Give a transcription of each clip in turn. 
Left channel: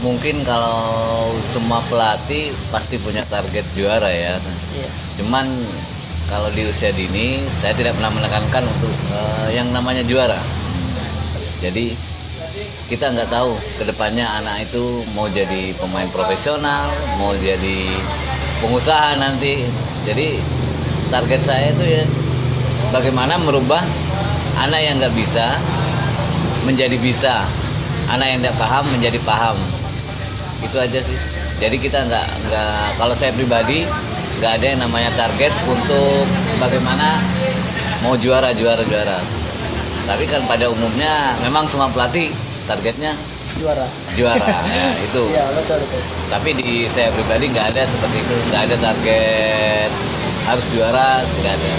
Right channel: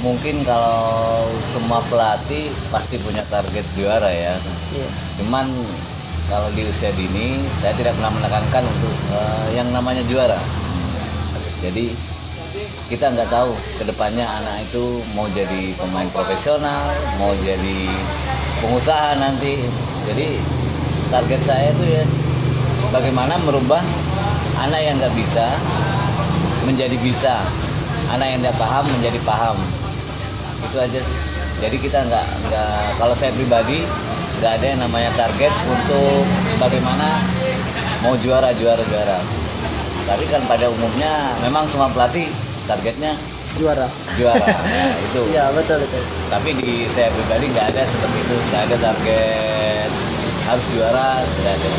mungkin kalau semua pelatih pasti punya target juara ya. Iya. Cuman kalau di usia dini saya tidak pernah menekankan untuk yang namanya juara. Jadi kita nggak tahu kedepannya anak itu mau jadi pemain profesional, mau jadi pengusaha nanti. Jadi target saya itu ya bagaimana merubah anak yang nggak bisa menjadi bisa, anak yang nggak paham menjadi paham. Itu aja sih. Jadi kita nggak kalau saya pribadi nggak ada yang namanya target untuk bagaimana mau juara. Tapi kan pada umumnya memang semua pelatih targetnya Juara. Nah, itu. Iya, betul. Tapi di saya pribadi nggak ada seperti itu, nggak ada target harus juara, nggak ada.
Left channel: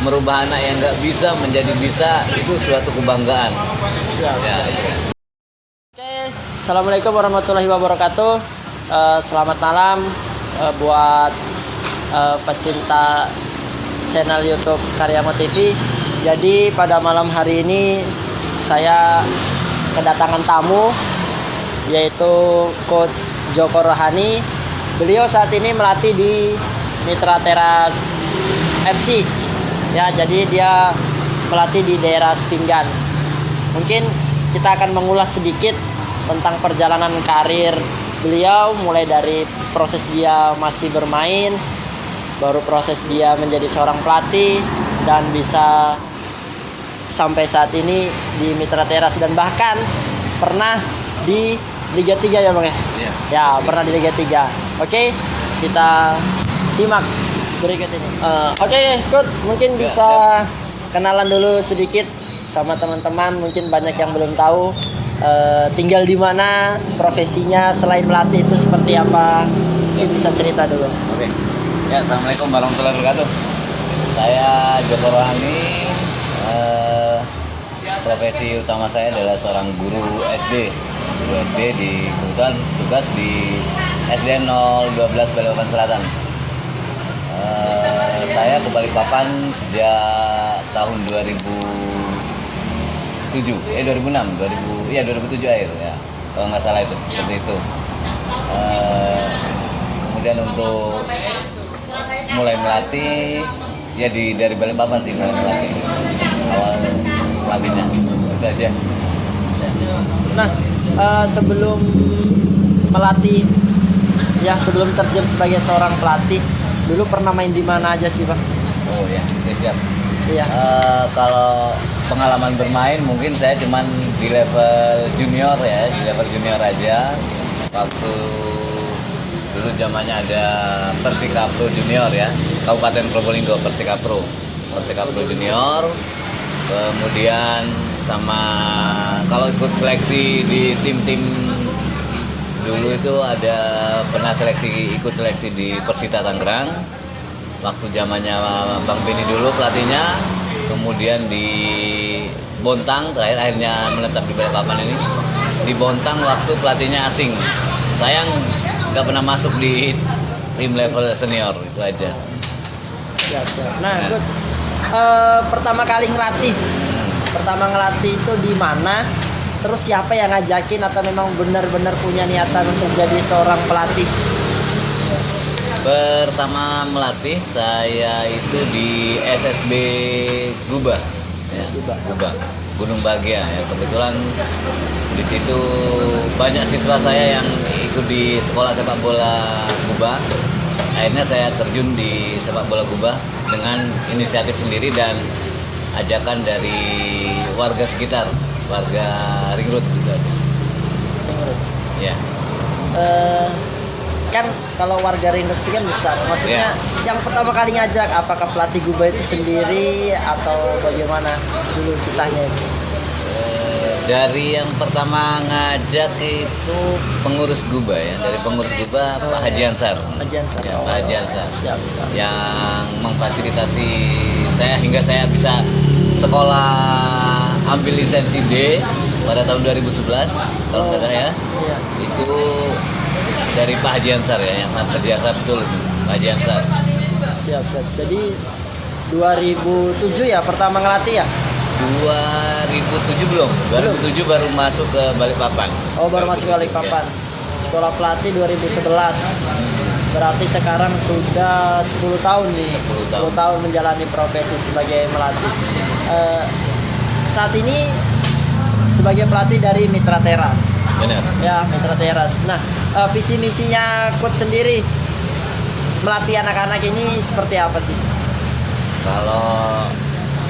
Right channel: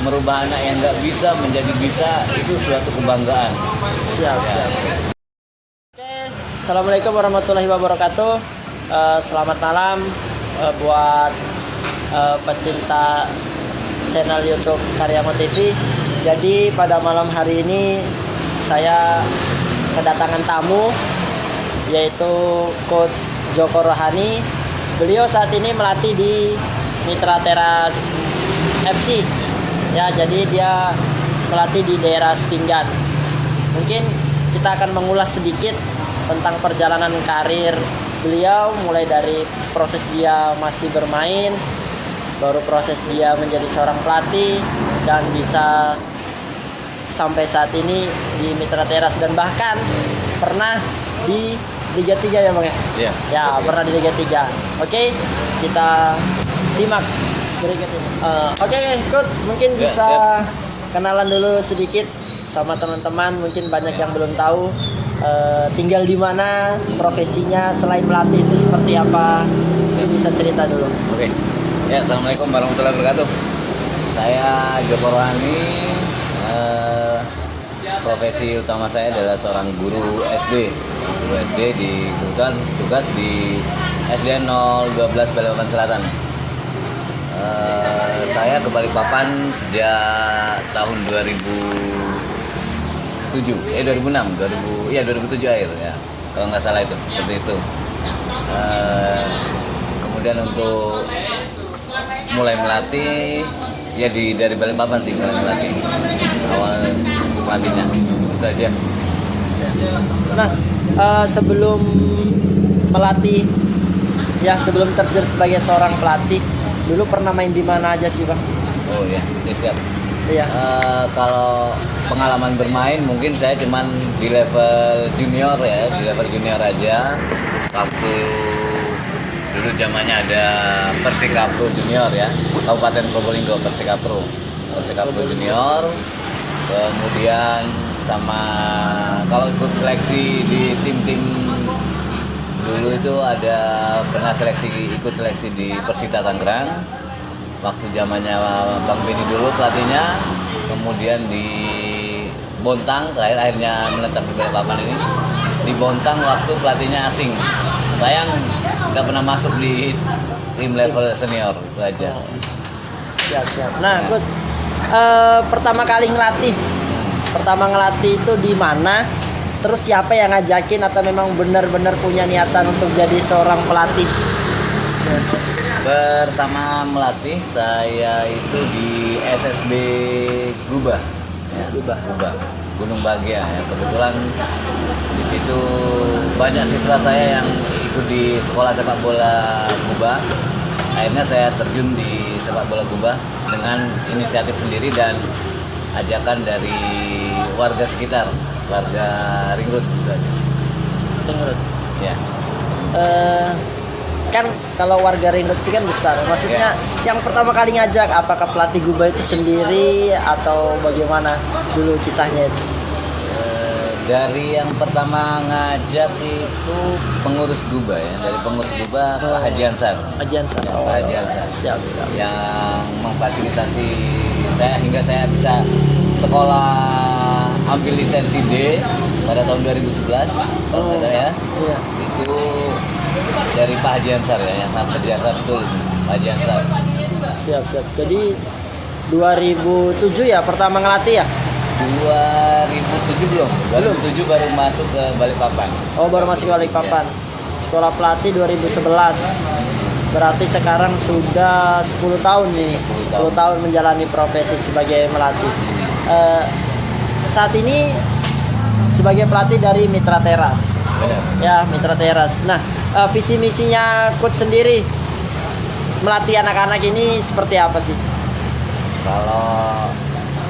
Merubah anak yang nggak bisa menjadi bisa itu suatu kebanggaan. Siap. Oke, assalamualaikum warahmatullahi wabarakatuh. Selamat malam buat pecinta channel YouTube Karyamo TV. Jadi pada malam hari ini saya kedatangan tamu, yaitu Coach Joko Rohani. Beliau saat ini melatih di Mitra Teras FC. Ya, jadi dia melatih di daerah Sepinggan. Mungkin kita akan mengulas sedikit tentang perjalanan karir beliau, mulai dari proses dia masih bermain, baru proses dia menjadi seorang pelatih, dan bisa sampai saat ini di Mitra Teras, dan bahkan pernah di Liga 3 ya Bang ya? Iya. Ya, pernah di Liga 3. Oke, kita simak berikut ini. Oke, Coach, mungkin Ya, bisa kenalan dulu sedikit sama teman-teman, mungkin banyak yang belum tahu tinggal di mana, profesinya selain pelatih itu seperti apa. Mungkin bisa cerita dulu. Oke. Ya, assalamualaikum warahmatullahi wabarakatuh. Saya Joko Rohani. Profesi utama saya adalah seorang guru SD. Guru SD kebetulan tugas di SDN 012 Balikpapan Selatan. Saya ke Balikpapan sejak tahun 2007 akhir ya, kalau nggak salah itu seperti itu. Kemudian untuk mulai melatih ya dari Balikpapan sih, mulai melatih awal pelatihnya itu aja. Nah, sebelum melatih, ya sebelum terjun sebagai seorang pelatih, dulu pernah main di mana aja sih Bang? Oh ya, oke, siap. Iya. Kalau pengalaman bermain mungkin saya cuman di level junior ya, di level junior aja. Waktu dulu zamannya ada Persikapro Junior ya, Kabupaten Probolinggo, Persikapro Junior. Kemudian sama kalau ikut seleksi di tim-tim dulu itu ada pernah ikut seleksi di Persita Tangerang waktu zamannya Bang Beni dulu pelatihnya. Kemudian di Bontang akhirnya menetap di Balikpapan ini, di Bontang waktu pelatihnya asing. Sayang nggak pernah masuk di tim level senior, itu aja. Siap. Nah, Coach, pertama kali ngelatih itu di mana? Terus siapa yang ngajakin, atau memang benar-benar punya niatan untuk jadi seorang pelatih? Pertama melatih saya itu di SSB Guba, ya, Guba, Gunung Bahagia. Ya, kebetulan di situ banyak siswa saya yang ikut di sekolah sepak bola Guba. Akhirnya saya terjun di sepak bola Guba dengan inisiatif sendiri dan ajakan dari warga sekitar, warga Ringrut gitu aja. Ya. Kan kalau warga Ringrut itu kan besar. Maksudnya yang pertama kali ngajak, apakah pelatih Guba itu sendiri atau bagaimana dulu kisahnya itu? Dari yang pertama ngajak itu pengurus Guba ya, dari pengurus Guba Pak Haji Ansar. Haji Ansar. Ya, Pak Haji Ansar. Siap. Yang memfasilitasi saya hingga saya bisa sekolah ambil lisensi D pada tahun 2011 kalau nggak salah ya. Iya. Itu dari Pak Haji Ansar ya, yang sangat berjasa betul, Pak Haji Ansar. Siap. Jadi 2007 ya pertama ngelatih ya? 2007 belum. 2007 baru masuk ke Balikpapan. Oh, baru masuk Balikpapan. Sekolah pelatih 2011. Berarti sekarang sudah 10 tahun nih. 10 tahun menjalani profesi sebagai pelatih. Saat ini sebagai pelatih dari Mitra Teras. Benar. Ya, Mitra Teras. Nah, visi misinya coach sendiri melatih anak-anak ini seperti apa sih? Kalau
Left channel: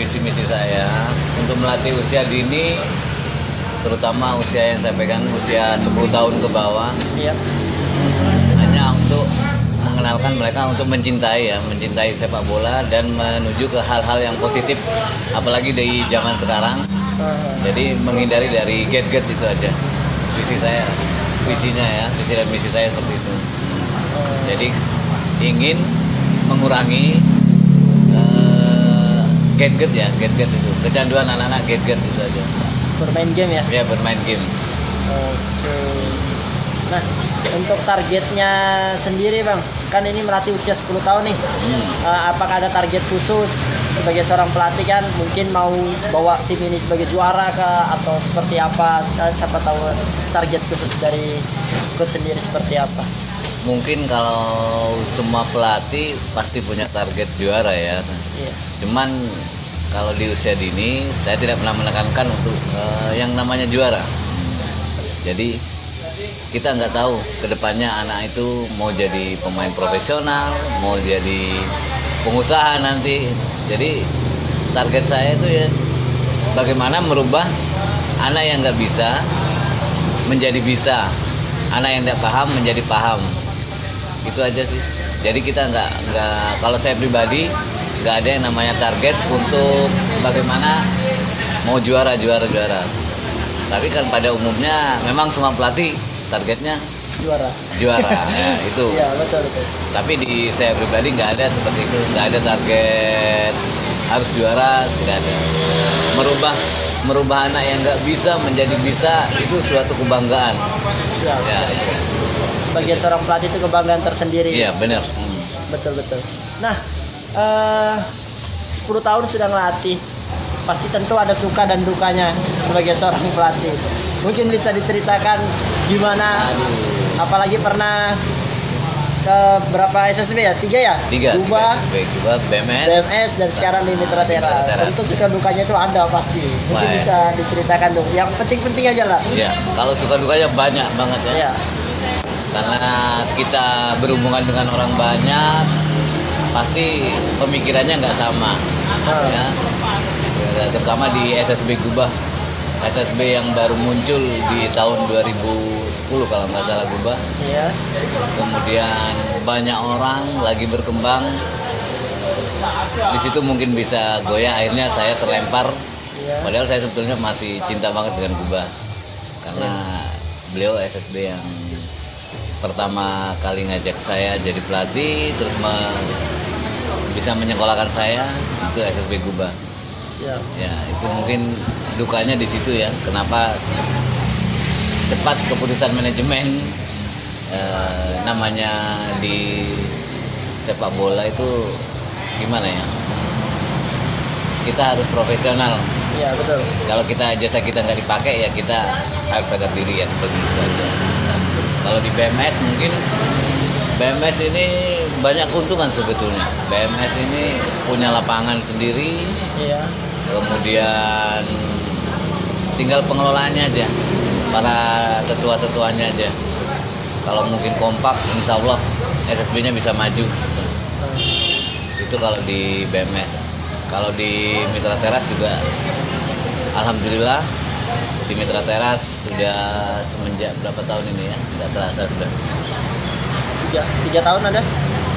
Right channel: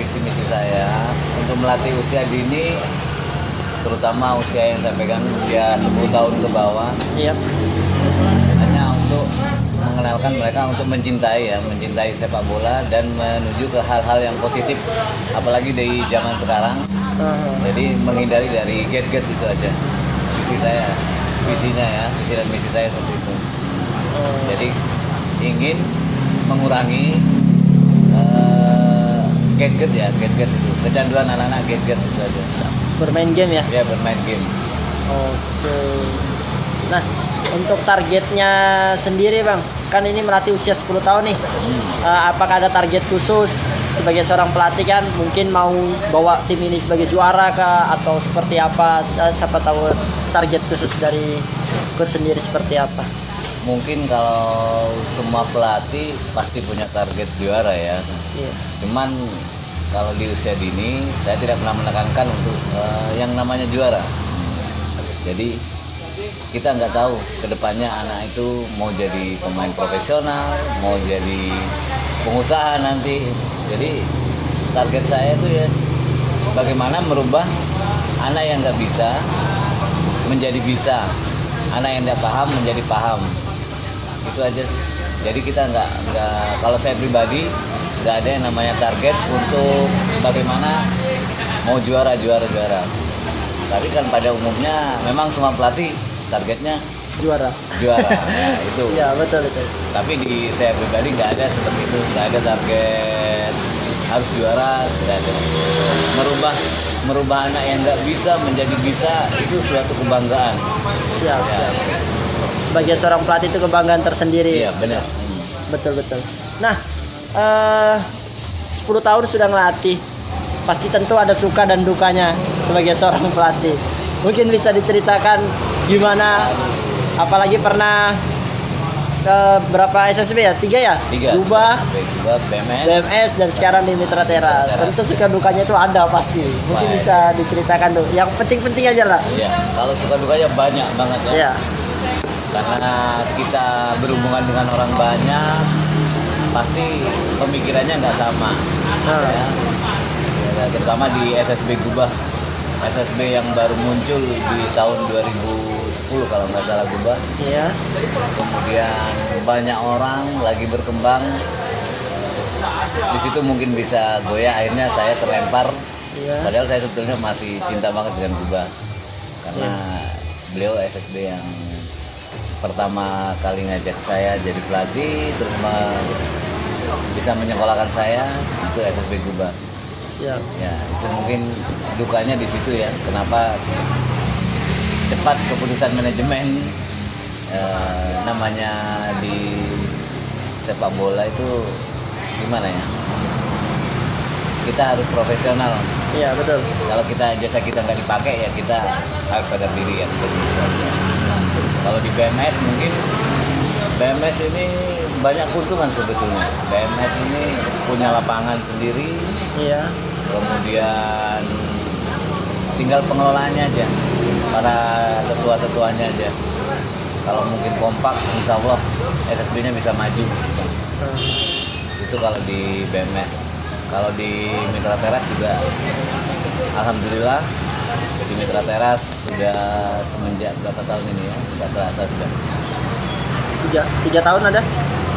visi misi saya untuk melatih usia dini, terutama usia yang saya pegang usia 10 tahun ke bawah, Iya. hanya untuk mengenalkan mereka untuk mencintai sepak bola dan menuju ke hal-hal yang positif, apalagi di zaman sekarang. Jadi menghindari dari get-get itu aja. Visinya ya, visi dan misi saya seperti itu. Jadi ingin mengurangi get-get itu, kecanduan anak-anak get-get itu aja. Bermain game ya? Ya, bermain game. Oke. Nah, untuk targetnya sendiri Bang, kan ini melatih usia 10 tahun nih. Apakah ada target khusus sebagai seorang pelatih kan? Mungkin mau bawa tim ini sebagai juara kah? Atau seperti apa? Siapa tahu target khusus dari coach sendiri seperti apa? Mungkin kalau semua pelatih pasti punya target juara ya. Iya. Cuman kalau di usia dini saya tidak pernah menekankan untuk yang namanya juara. Jadi kita nggak tahu kedepannya anak itu mau jadi pemain profesional, mau jadi pengusaha nanti. Jadi target saya itu ya bagaimana merubah anak yang nggak bisa menjadi bisa, anak yang tidak paham menjadi paham. Itu aja sih. Jadi kita nggak kalau saya pribadi nggak ada yang namanya target untuk bagaimana mau juara. Tapi kan pada umumnya memang semua pelatih targetnya Juara. Nah, itu. Iya, betul. Tapi di saya pribadi nggak ada seperti itu, nggak ada target harus juara, nggak ada. Merubah anak yang nggak bisa menjadi bisa itu suatu kebanggaan. Siap. Sebagai seorang pelatih itu kebanggaan tersendiri. Iya, benar. Betul. Nah, 10 tahun sudah ngelatih. Pasti tentu ada suka dan dukanya sebagai seorang pelatih. Mungkin bisa diceritakan gimana, apalagi pernah ke berapa SSB ya? 3 ya? 3. Guba, BMS dan sekarang di Mitra Teras. Tentu suka dukanya itu ada pasti. Mungkin Baik. bisa diceritakan dulu. Yang penting-penting aja lah. Iya, kalau suka dukanya banyak banget ya. Iya. Karena kita berhubungan dengan orang banyak, pasti pemikirannya nggak sama. Ya. Terutama di SSB Guba, SSB yang baru muncul di tahun 2010 kalau nggak salah Guba. Iya. Kemudian banyak orang lagi berkembang, di situ mungkin bisa goyah. Akhirnya saya terlempar. Iya. Padahal saya sebetulnya masih cinta banget dengan Guba karena beliau SSB yang pertama kali ngajak saya jadi pelatih, terus bisa menyekolahkan saya, itu SSB Guba. Siap. Ya, itu mungkin dukanya di situ ya. Kenapa cepat keputusan manajemen, namanya di sepak bola itu gimana ya? Kita harus profesional. Iya, betul. Kalau jasa kita nggak dipakai ya kita harus sadar diri ya. Begitu aja. Kalau di BMS mungkin BMS ini banyak keuntungan sebetulnya. BMS ini punya lapangan sendiri. Iya. Kemudian tinggal pengelolaannya aja, para tetua-tetuanya aja. Kalau mungkin kompak, insya Allah SSB-nya bisa maju. Itu kalau di BMS. Kalau di Mitra Teras juga, alhamdulillah di Mitra Teras sudah semenjak berapa tahun ini ya? Tidak terasa sudah. 3 tahun ada?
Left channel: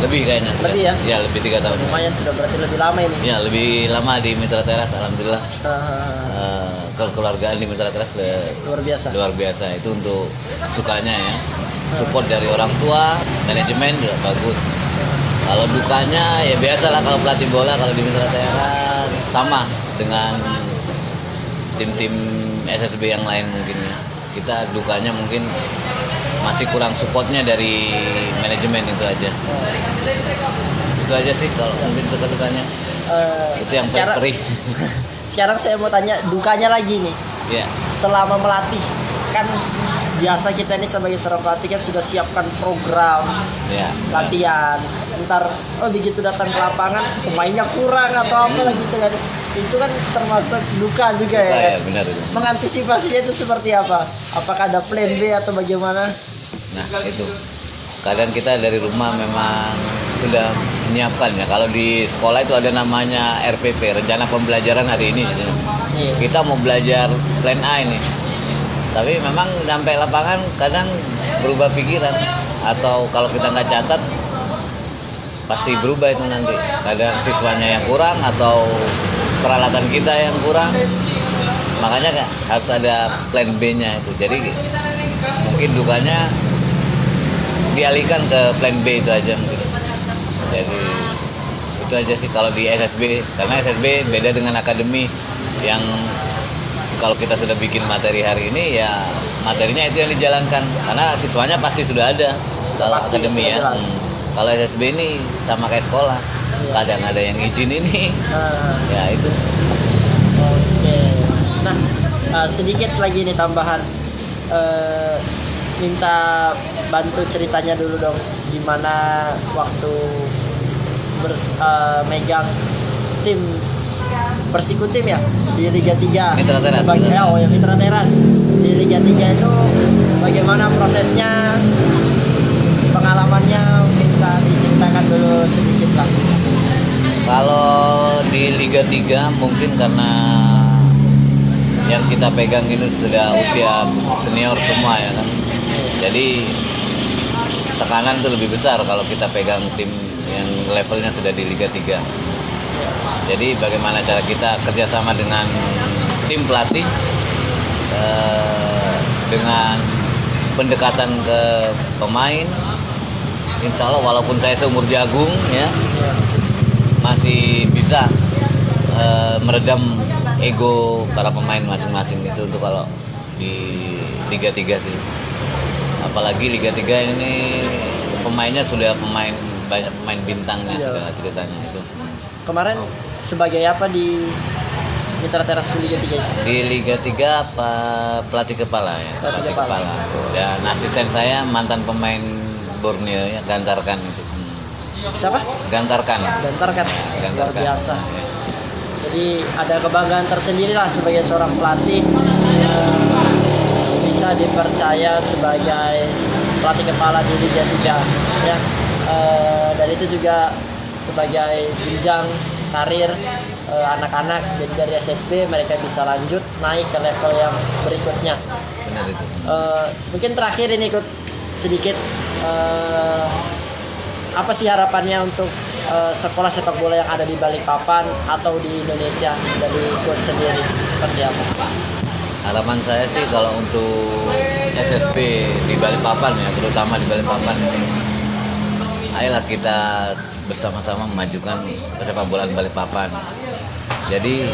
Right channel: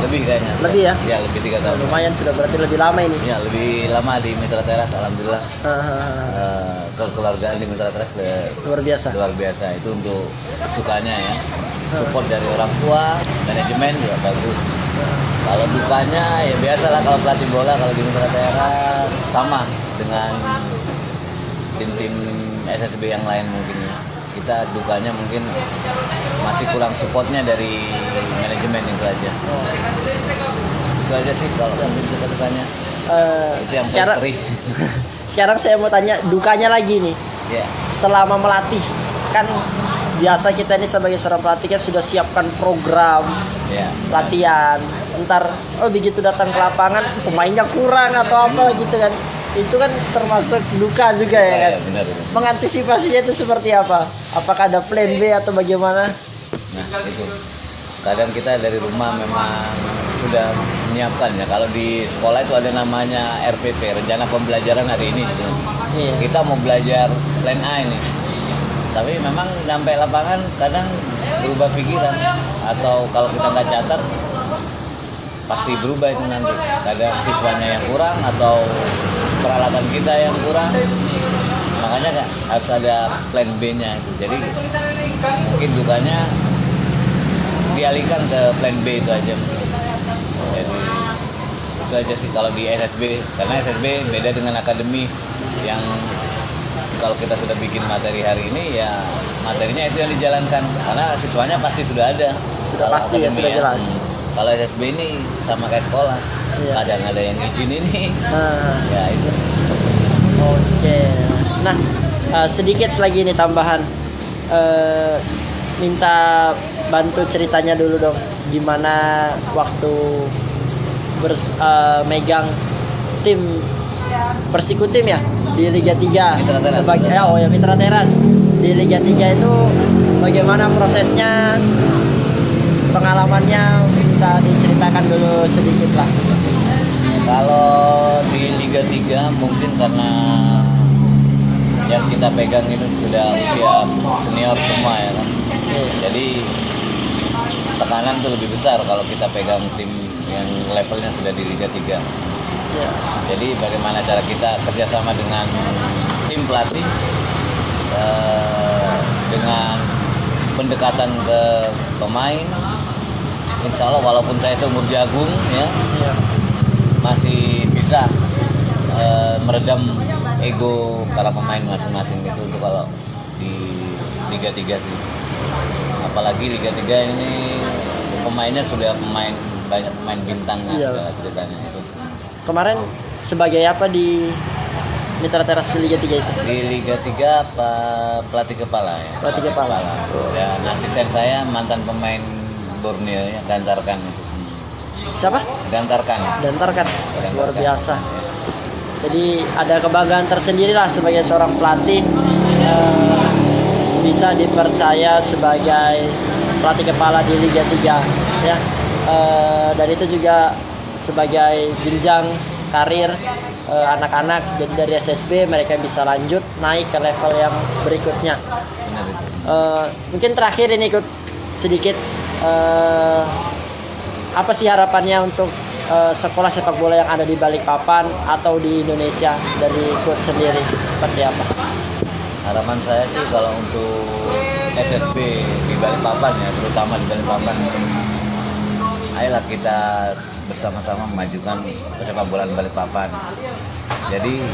Lebih kayaknya. Lebih ya? Ya, lebih 3 tahun. Lumayan sudah, berarti lebih lama ini. Ya, lebih lama di Mitra Teras, alhamdulillah. Kekeluargaan di Mitra Teras Luar biasa. Itu untuk sukanya ya. Support dari orang tua, manajemen juga bagus. Kalau dukanya ya biasalah, kalau pelatih bola kalau di Mitra Teras sama dengan tim-tim SSB yang lain mungkin ya. Kita dukanya mungkin masih kurang supportnya dari manajemen, itu aja. Itu aja sih kalau mungkin dukanya. Itu yang paling perih. sekarang saya mau tanya dukanya lagi nih. Ya. Selama melatih kan biasa kita ini sebagai seorang pelatih kan sudah siapkan program Ya. latihan. Ntar begitu datang ke lapangan pemainnya kurang atau apa gitu kan. Itu kan termasuk duka juga ya. Ya, Kan? benar itu. Mengantisipasinya itu seperti apa? Apakah ada plan B atau bagaimana? Nah, itu. Kadang kita dari rumah memang sudah menyiapkan ya. Kalau di sekolah itu ada namanya RPP, rencana pembelajaran hari ini. Gitu. Iya. Kita mau belajar plan A ini. Tapi memang sampai lapangan kadang berubah pikiran, atau kalau kita nggak catat pasti berubah itu nanti. Kadang siswanya yang kurang atau peralatan kita yang kurang, makanya harus ada plan B-nya itu. Jadi mungkin dukanya dialihkan ke plan B itu aja mungkin. Jadi itu aja sih kalau di SSB, karena SSB beda dengan akademi yang kalau kita sudah bikin materi hari ini ya materinya itu yang dijalankan, karena siswanya pasti sudah ada. Sudah Kalau pasti ya, sudah jelas. Kalau SSB ini sama kayak sekolah, Iya. kadang ada yang izin ini, Nah, ya itu. oke. Nah, sedikit lagi nih tambahan. Minta bantu ceritanya dulu dong. Gimana waktu megang tim Persikutim ya di Liga 3 Mitra Teras. sebagai Mitra Teras di Liga 3 itu bagaimana prosesnya, pengalamannya bisa diceritakan dulu sedikit lah. Kalau di Liga 3 mungkin karena yang kita pegang ini sudah usia senior semua ya kan. Jadi tekanan itu lebih besar kalau kita pegang tim yang levelnya sudah di Liga 3. Jadi bagaimana cara kita kerjasama dengan tim pelatih, dengan pendekatan ke pemain, insya Allah walaupun saya seumur jagung ya masih bisa meredam ego para pemain masing-masing itu untuk kalau di Liga 3 sih. Apalagi Liga 3 ini pemainnya sudah banyak pemain bintangnya sudah ceritanya itu. Kemarin sebagai apa di Mitra Teras Liga 3 itu? Di Liga 3 pelatih kepala ya. Pelatih kepala. Dan asisten saya mantan pemain Borneo ya, Gantarkan itu. Siapa? Gantarkan. Gantarkan. Luar biasa. Jadi ada kebanggaan tersendiri lah sebagai seorang pelatih yang bisa dipercaya sebagai pelatih kepala di Liga 3 ya. Dan itu juga sebagai jenjang karir anak-anak, jadi dari SSB mereka bisa lanjut naik ke level yang berikutnya. Benar itu. Mungkin terakhir ini ikut sedikit apa sih harapannya untuk sekolah sepak bola yang ada di Balikpapan atau di Indonesia dari coach sendiri seperti apa? Harapan saya sih kalau untuk SSB di Balikpapan ya, terutama di Balikpapan, ayolah kita bersama-sama memajukan sepak bola di Balikpapan. Jadi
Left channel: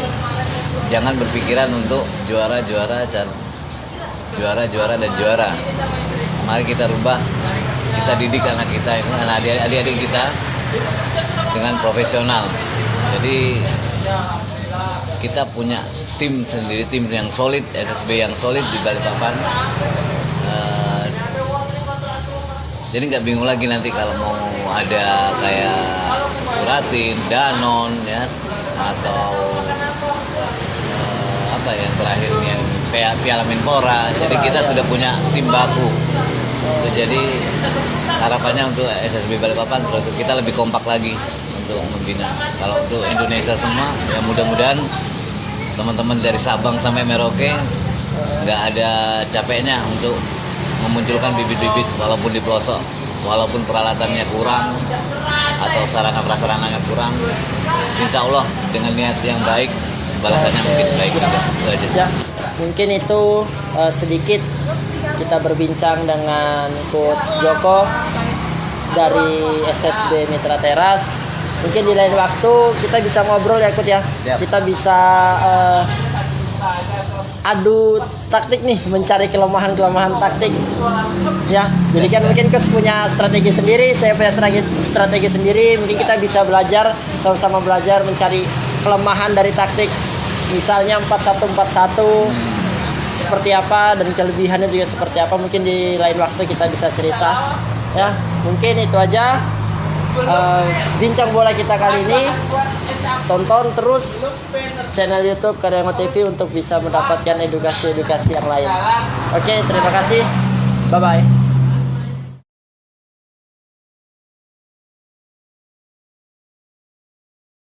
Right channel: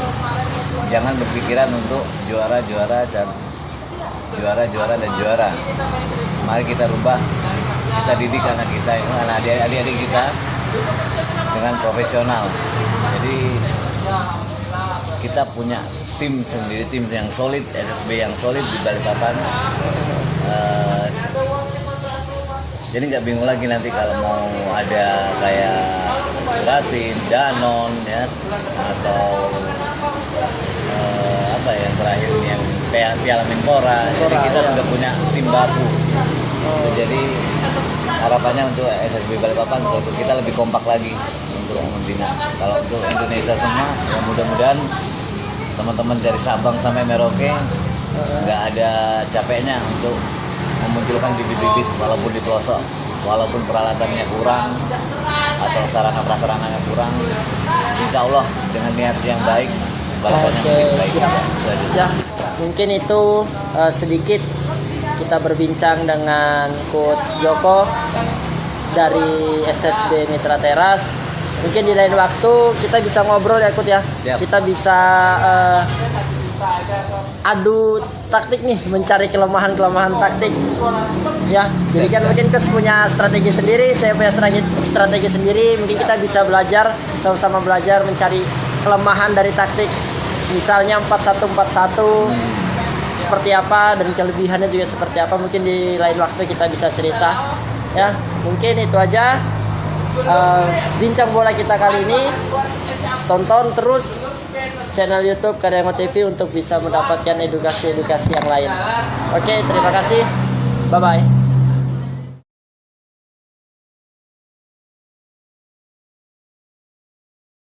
jangan berpikiran untuk juara dan juara. Mari kita rubah, kita didik anak kita, adik-adik kita dengan profesional. Jadi kita punya tim sendiri, tim yang solid, SSB yang solid di Balikpapan. Jadi nggak bingung lagi nanti kalau mau ada kayak Suratin, Danon ya, atau apa yang terakhir nih Piala Menpora. Jadi kita sudah punya tim baku. Jadi harapannya untuk SSB Balikpapan untuk kita lebih kompak lagi untuk membina. Kalau untuk Indonesia semua, ya mudah-mudahan teman-teman dari Sabang sampai Merauke nggak ada capeknya untuk memunculkan bibit-bibit walaupun di pelosok, walaupun peralatannya kurang atau sarana prasarananya kurang, insya Allah dengan niat yang baik balasannya mungkin baik juga. Itu aja. Ya, mungkin itu sedikit kita berbincang dengan Coach Joko dari SSB Mitra Teras. Mungkin di lain waktu kita bisa ngobrol ya Coach ya. Siap. Kita bisa adu taktik nih, mencari kelemahan taktik ya. Jadi kan mungkin coach punya strategi sendiri, saya punya strategi sendiri. Mungkin kita bisa belajar, sama-sama belajar mencari kelemahan dari taktik misalnya 4141 seperti apa dan kelebihannya juga seperti apa, mungkin di lain waktu kita bisa cerita ya. Mungkin itu aja bincang bola kita kali ini. Tonton terus channel YouTube Karyango TV untuk bisa mendapatkan edukasi yang lain. Oke, terima kasih. Bye bye.